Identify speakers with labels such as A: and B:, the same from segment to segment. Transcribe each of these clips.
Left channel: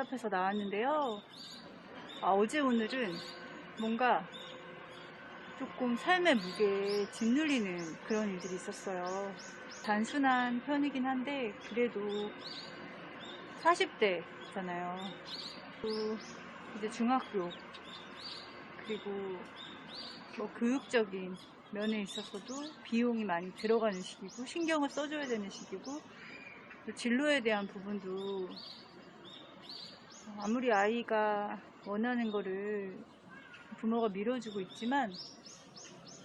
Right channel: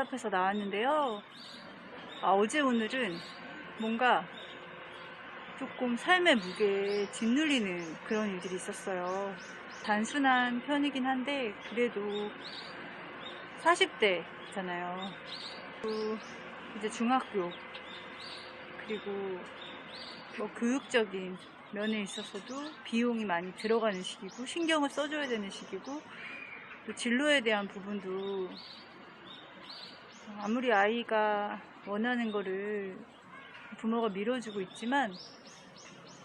A: 답답해서 나왔는데요. 아, 어제 오늘은 뭔가 조금 삶의 무게에 짓눌리는 그런 일들이 있었어요. 단순한 편이긴 한데 그래도 40대잖아요. 이제 중학교 그리고 뭐 교육적인 면에 있어서도 비용이 많이 들어가는 시기고 신경을 써줘야 되는 시기고 또 진로에 대한 부분도 아무리 아이가 원하는 거를 부모가 밀어주고 있지만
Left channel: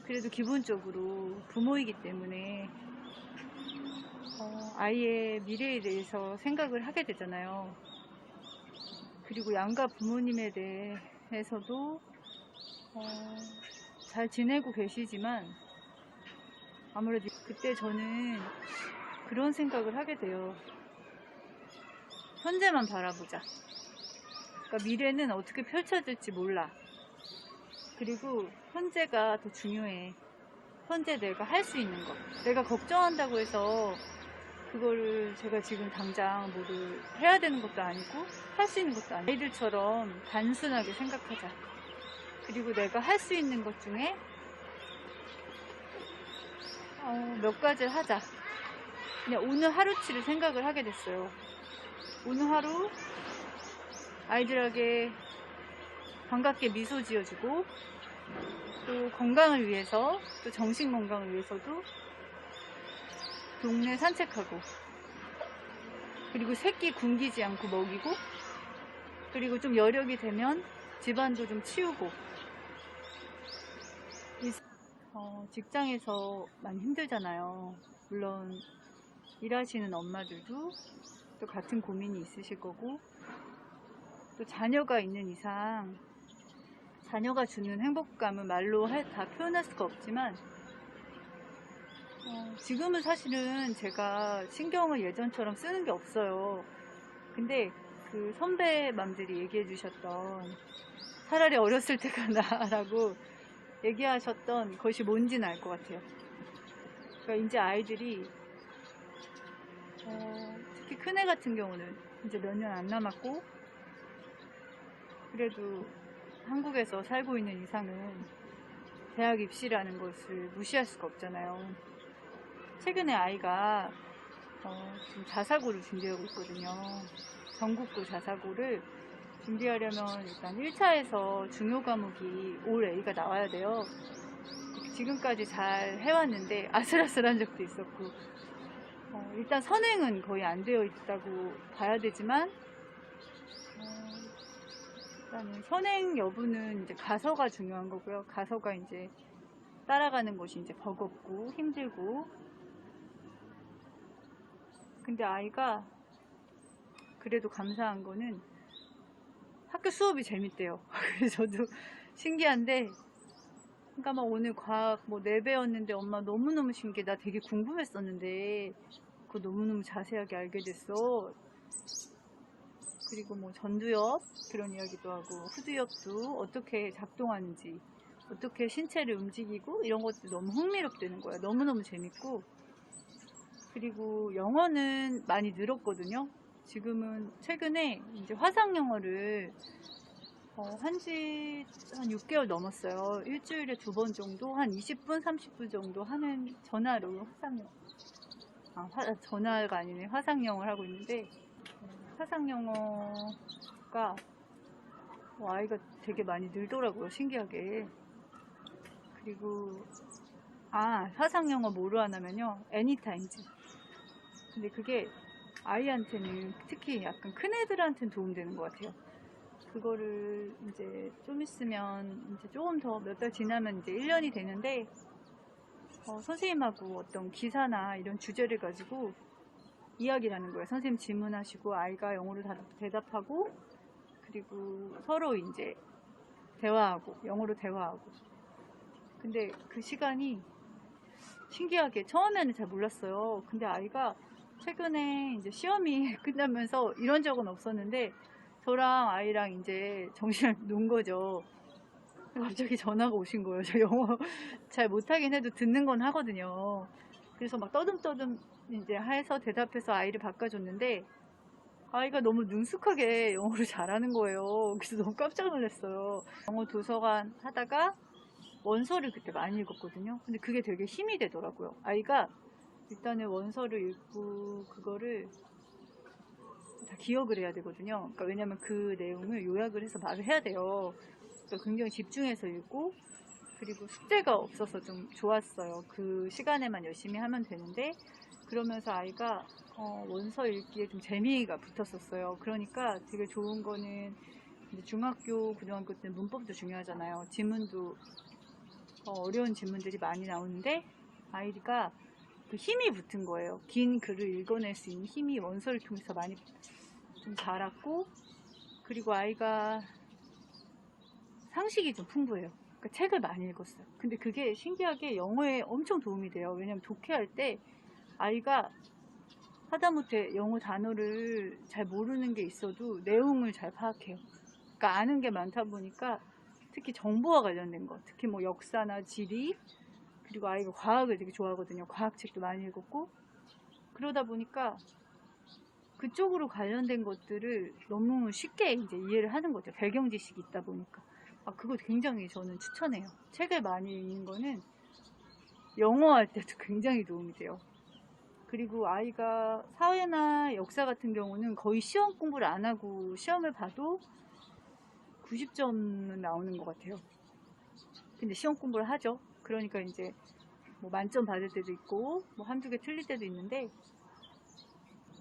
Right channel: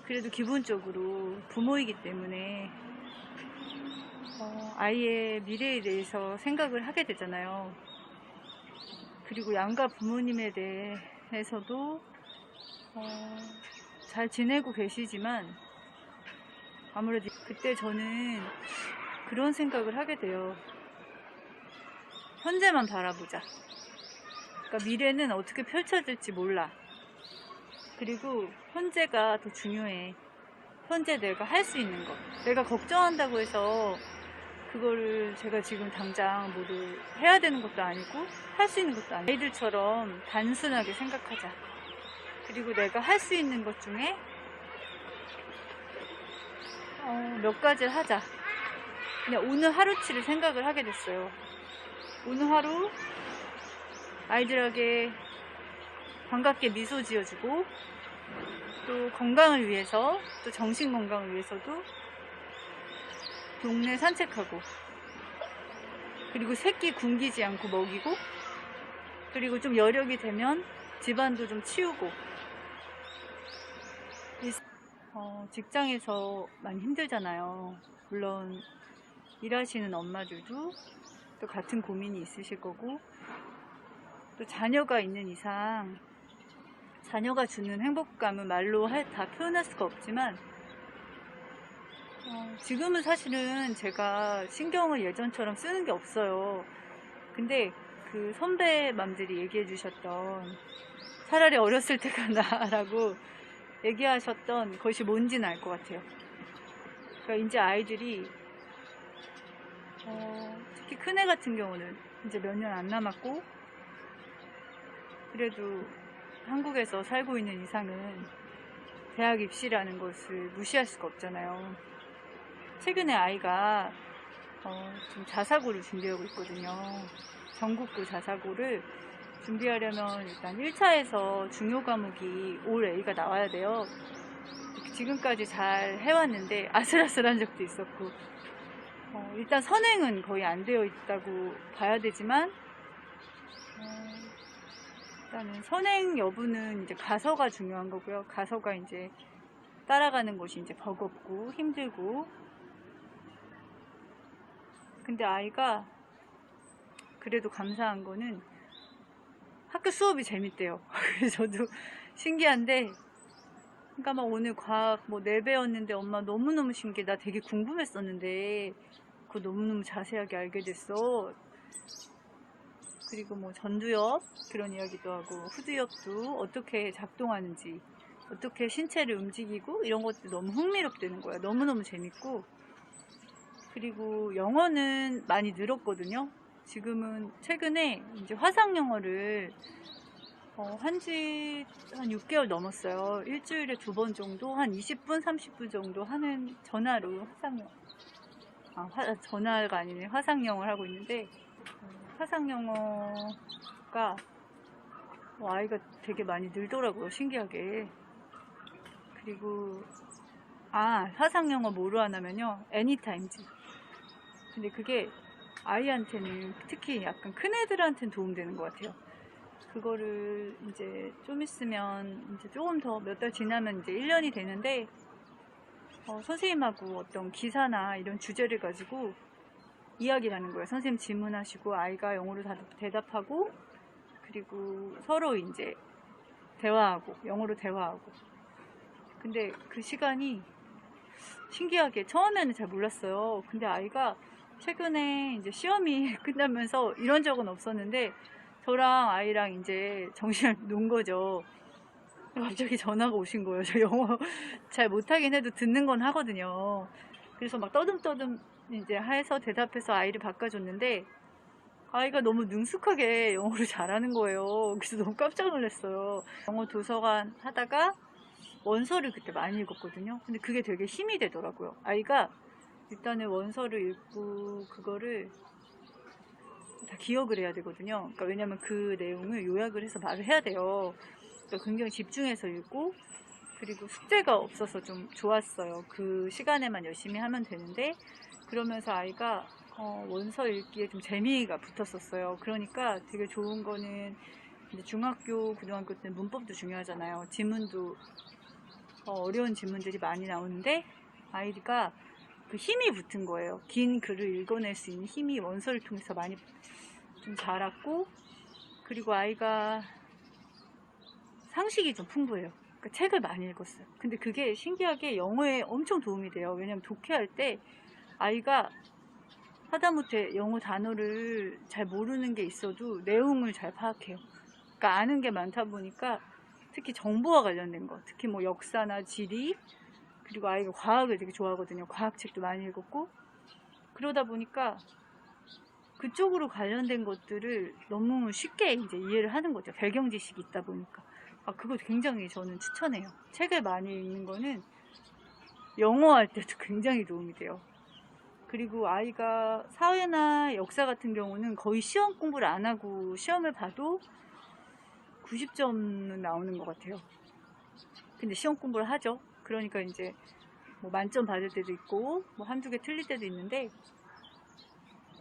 A: 그래도 기본적으로 부모이기 때문에 어, 아이의 미래에 대해서 생각을 하게 되잖아요. 그리고 양가 부모님에 대해서도 어, 잘 지내고 계시지만 아무래도 그때 저는 그런 생각을 하게 돼요. 현재만 바라보자. 그러니까 미래는 어떻게 펼쳐질지 몰라. 그리고 현재가 더 중요해. 현재 내가 할 수 있는 거. 내가 걱정한다고 해서 그거를 제가 지금 당장 뭐를 해야 되는 것도 아니고 할 수 있는 것도 아니고 아이들처럼 단순하게 생각하자. 그리고 내가 할 수 있는 것 중에 어, 몇 가지를 하자. 그냥 오늘 하루치를 생각을 하게 됐어요. 오늘 하루 아이들에게 반갑게 미소 지어주고 또 건강을 위해서 또 정신 건강을 위해서도 동네 산책하고 그리고 새끼 굶기지 않고 먹이고 그리고 좀 여력이 되면 집안도 좀 치우고 이- 어, 직장에서 많이 힘들잖아요. 물론 일하시는 엄마들도 또 같은 고민이 있으실 거고 또 자녀가 있는 이상 자녀가 주는 행복감은 말로 할- 다 표현할 수가 없지만 어, 지금은 사실은 제가 신경을 예전처럼 쓰는 게 없어요. 근데 그 선배맘들이 얘기해 주셨던 차라리 어렸을 때가 나라고 얘기하셨던 것이 뭔지는 알 것 같아요. 그러니까 이제 아이들이 어, 특히 큰애 같은 경우는 이제 몇 년 안 남았고 그래도 한국에서 살고 있는 이상은 대학 입시라는 것을 무시할 수가 없잖아요. 최근에 아이가 어, 지금 자사고를 준비하고 있거든요. 전국고 자사고를 준비하려면 일단 1차에서 중요 과목이 올 A가 나와야 돼요. 지금까지 잘 해왔는데 아슬아슬한 적도 있었고 어, 일단 선행은 거의 안 되어 있다고 봐야 되지만 어, 일단은 선행 여부는 이제 가서가 중요한 거고요. 가서가 이제 따라가는 것이 이제 버겁고 힘들고 근데 아이가 그래도 감사한 거는 학교 수업이 재밌대요. 저도 신기한데 그러니까 막 오늘 과학 뭐 4배였는데 엄마 너무너무 신기해. 나 되게 궁금했었는데 그거 너무너무 자세하게 알게 됐어. 그리고 뭐 전두엽 그런 이야기도 하고 후두엽도 어떻게 작동하는지 어떻게 신체를 움직이고 이런 것도 너무 흥미롭다는 거야. 너무너무 재밌고 그리고 영어는 많이 늘었거든요. 지금은 최근에 이제 화상 영어를 어, 한지 한 6개월 넘었어요. 일주일에 두 번 정도, 한 20분, 30분 정도 하는 전화로 화상 영어. 아, 화- 전화가 아니네. 화상 영어를 하고 있는데, 어, 화상 영어가 어, 아이가 되게 많이 늘더라고요. 신기하게. 그리고, 아, 화상 영어 뭐로 하냐면요. 애니타임즈. 근데 그게 아이한테는 특히 약간 큰 애들한테는 도움되는 것 같아요. 그거를 이제 좀 있으면 이제 조금 더 몇 달 지나면 이제 1년이 되는데 어, 선생님하고 어떤 기사나 이런 주제를 가지고 이야기를 하는 거예요. 선생님 질문하시고 아이가 영어로 다- 대답하고 그리고 서로 이제 대화하고 영어로 대화하고 근데 그 시간이 신기하게 처음에는 잘 몰랐어요. 근데 아이가 최근에 이제 시험이 끝나면서 이런 적은 없었는데 저랑 아이랑 이제 정신을 놓은 거죠. 갑자기 전화가 오신 거예요. 저 영어 잘 못하긴 해도 듣는 건 하거든요. 그래서 막 떠듬떠듬 이제 해서 대답해서 아이를 바꿔줬는데 아이가 너무 능숙하게 영어를 잘하는 거예요. 그래서 너무 깜짝 놀랐어요. 영어 도서관 하다가 원서를 그때 많이 읽었거든요. 근데 그게 되게 힘이 되더라고요. 아이가 일단은 원서를 읽고 그거를 다 기억을 해야 되거든요. 그러니까 왜냐면 그 내용을 요약을 해서 말을 해야 돼요. 그러니까 굉장히 집중해서 읽고 그리고 숙제가 없어서 좀 좋았어요. 그 시간에만 열심히 하면 되는데 그러면서 아이가 어, 원서 읽기에 좀 재미가 붙었었어요. 그러니까 되게 좋은 거는 중학교, 고등학교 때 문법도 중요하잖아요. 지문도 어, 려운 지문들이 많이 나오는데 아이가 그 힘이 붙은 거예요. 긴 글을 읽어낼 수 있는 힘이 원서를 통해서 많이 좀 자랐고 그리고 아이가 상식이 좀 풍부해요. 그 책을 많이 읽었어요. 근데 그게 신기하게 영어에 엄청 도움이 돼요. 왜냐면 독해할 때 아이가 하다못해 영어 단어를 잘 모르는 게 있어도 내용을 잘 파악해요. 그러니까 아는 게 많다 보니까 특히 정보와 관련된 거, 특히 뭐 역사나 지리, 그리고 아이가 과학을 되게 좋아하거든요. 과학책도 많이 읽었고 그러다 보니까 그쪽으로 관련된 것들을 너무 쉽게 이제 이해를 하는 거죠. 배경 지식이 있다 보니까. 아, 그거 굉장히 저는 추천해요. 책을 많이 읽는 거는 영어 할 때도 굉장히 도움이 돼요. 그리고 아이가 사회나 역사 같은 경우는 거의 시험 공부를 안 하고 시험을 봐도 90점은 나오는 것 같아요. 근데 시험 공부를 하죠. 그러니까 이제 뭐 만점 받을 때도 있고 뭐 한두 개 틀릴 때도 있는데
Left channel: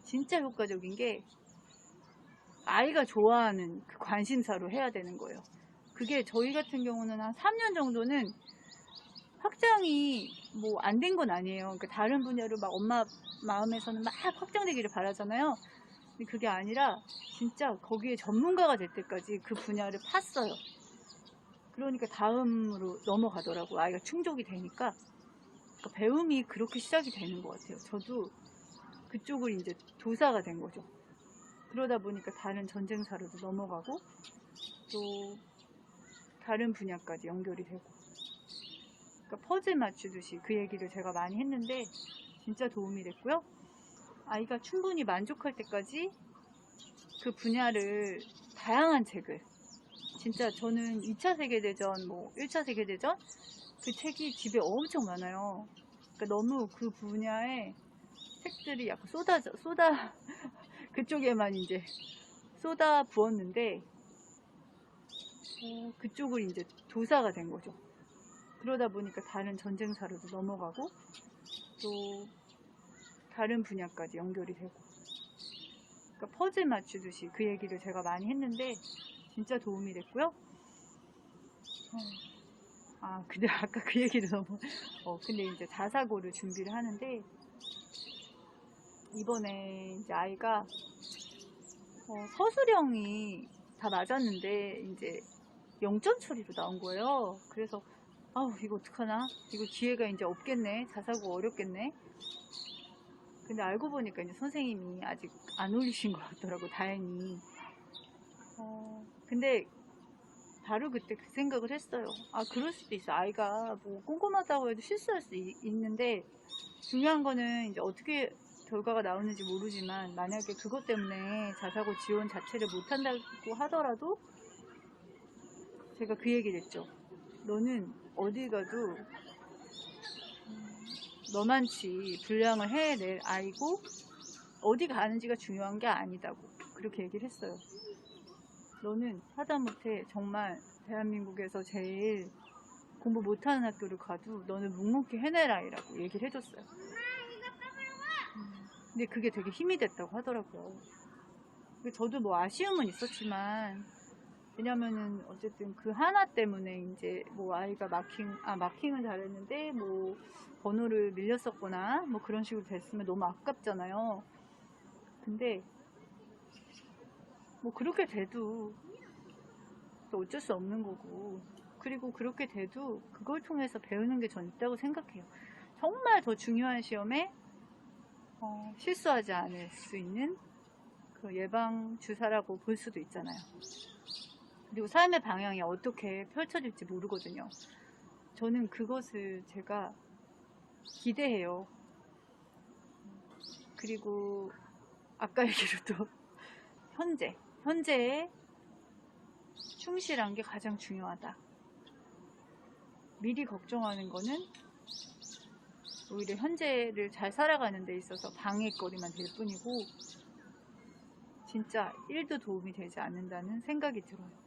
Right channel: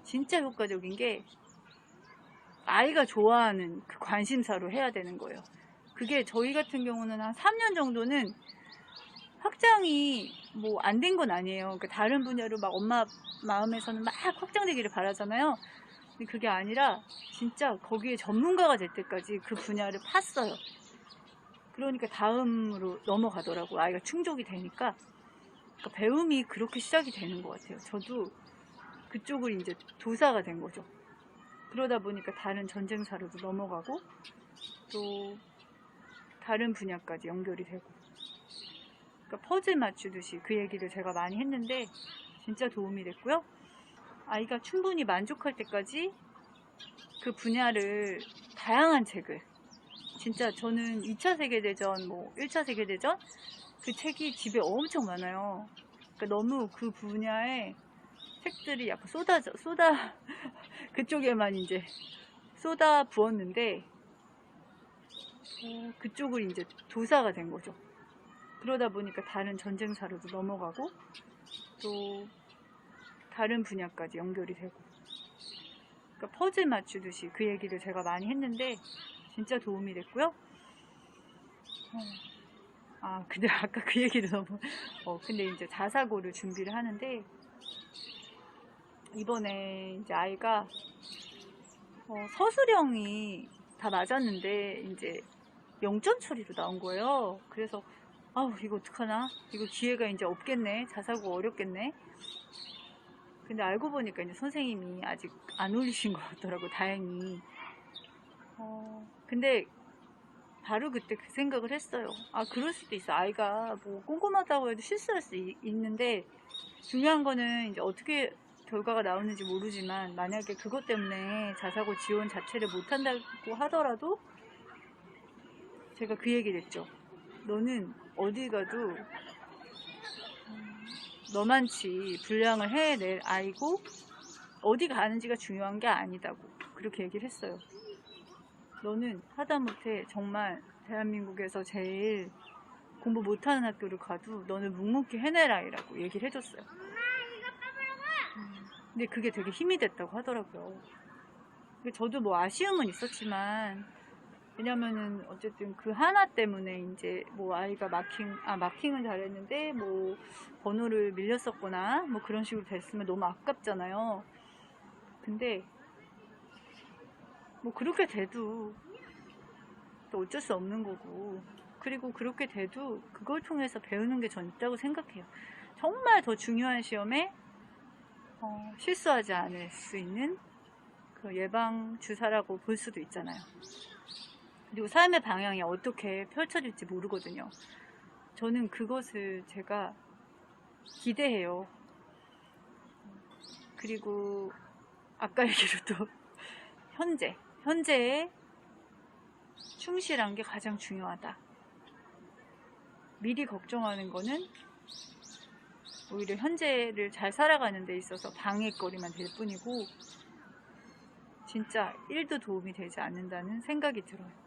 A: 진짜 효과적인 게 아이가 좋아하는 그 관심사로 해야 되는 거예요. 그게 저희 같은 경우는 한 3년 정도는 확장이 뭐 안 된 건 아니에요. 그러니까 다른 분야로 막 엄마 마음에서는 막 확장되기를 바라잖아요. 근데 그게 아니라 진짜 거기에 전문가가 될 때까지 그 분야를 팠어요. 그러니까 다음으로 넘어가더라고. 아이가 충족이 되니까. 그러니까 배움이 그렇게 시작이 되는 것 같아요. 저도 그쪽을 이제 도사가 된 거죠. 그러다 보니까 다른 전쟁사로도 넘어가고 또 다른 분야까지 연결이 되고. 그러니까 퍼즐 맞추듯이 그 얘기를 제가 많이 했는데 진짜 도움이 됐고요. 아이가 충분히 만족할 때까지 그 분야를 다양한 책을 진짜 저는 2차 세계대전, 뭐 1차 세계대전 그 책이 집에 엄청 많아요. 그러니까 너무 그 분야의 책들이 약간 쏟아져, 쏟아 그쪽에만 이제 쏟아 부었는데 어, 그쪽을 이제 도사가 된 거죠. 그러다 보니까 다른 전쟁사로도 넘어가고 또 다른 분야까지 연결이 되고 그러니까 퍼즐 맞추듯이 그 얘기를 제가 많이 했는데 진짜 도움이 됐고요. 어, 아 근데 아까 그 얘기도 너무 어 근데 이제 자사고를 준비를 하는데 이번에 이제 아이가 어, 서술형이 다 맞았는데 이제 0점 처리로 나온 거예요. 그래서 아우 이거 어떡하나? 이거 기회가 이제 없겠네. 자사고 어렵겠네. 근데 알고 보니까 이제 선생님이 아직 안 올리신 것 같더라고 다행히. 어, 근데 바로 그때 그 생각을 했어요. 아 그럴 수도 있어. 아이가 뭐 꼼꼼하다고 해도 실수할 수 있, 있는데 중요한 거는 이제 어떻게 결과가 나오는지 모르지만 만약에 그것 때문에 자사고 지원 자체를 못한다고 하더라도 제가 그 얘기를 했죠 너는 어디 가도 음, 너만치 분량을 해낼 아이고 어디 가는지가 중요한 게 아니다고 그렇게 얘기를 했어요. 너는 하다못해 정말 대한민국에서 제일 공부 못하는 학교를 가도 너는 묵묵히 해낼 아이라고 얘기를 해줬어요. 음, 근데 그게 되게 힘이 됐다고 하더라고요. 저도 뭐 아쉬움은 있었지만 왜냐면은 어쨌든 그 하나 때문에 이제 뭐 아이가 마킹 아 마킹은 잘했는데 뭐 번호를 밀렸었거나 뭐 그런 식으로 됐으면 너무 아깝잖아요. 근데 뭐 그렇게 돼도 또 어쩔 수 없는 거고 그리고 그렇게 돼도 그걸 통해서 배우는 게 전 있다고 생각해요. 정말 더 중요한 시험에 어, 실수하지 않을 수 있는 그 예방 주사라고 볼 수도 있잖아요. 그리고 삶의 방향이 어떻게 펼쳐질지 모르거든요. 저는 그것을 제가 기대해요. 그리고 아까 얘기로 또 현재, 현재에 충실한 게 가장 중요하다. 미리 걱정하는 거는 오히려 현재를 잘 살아가는 데 있어서 방해거리만 될 뿐이고 진짜 1도 도움이 되지 않는다는 생각이 들어요.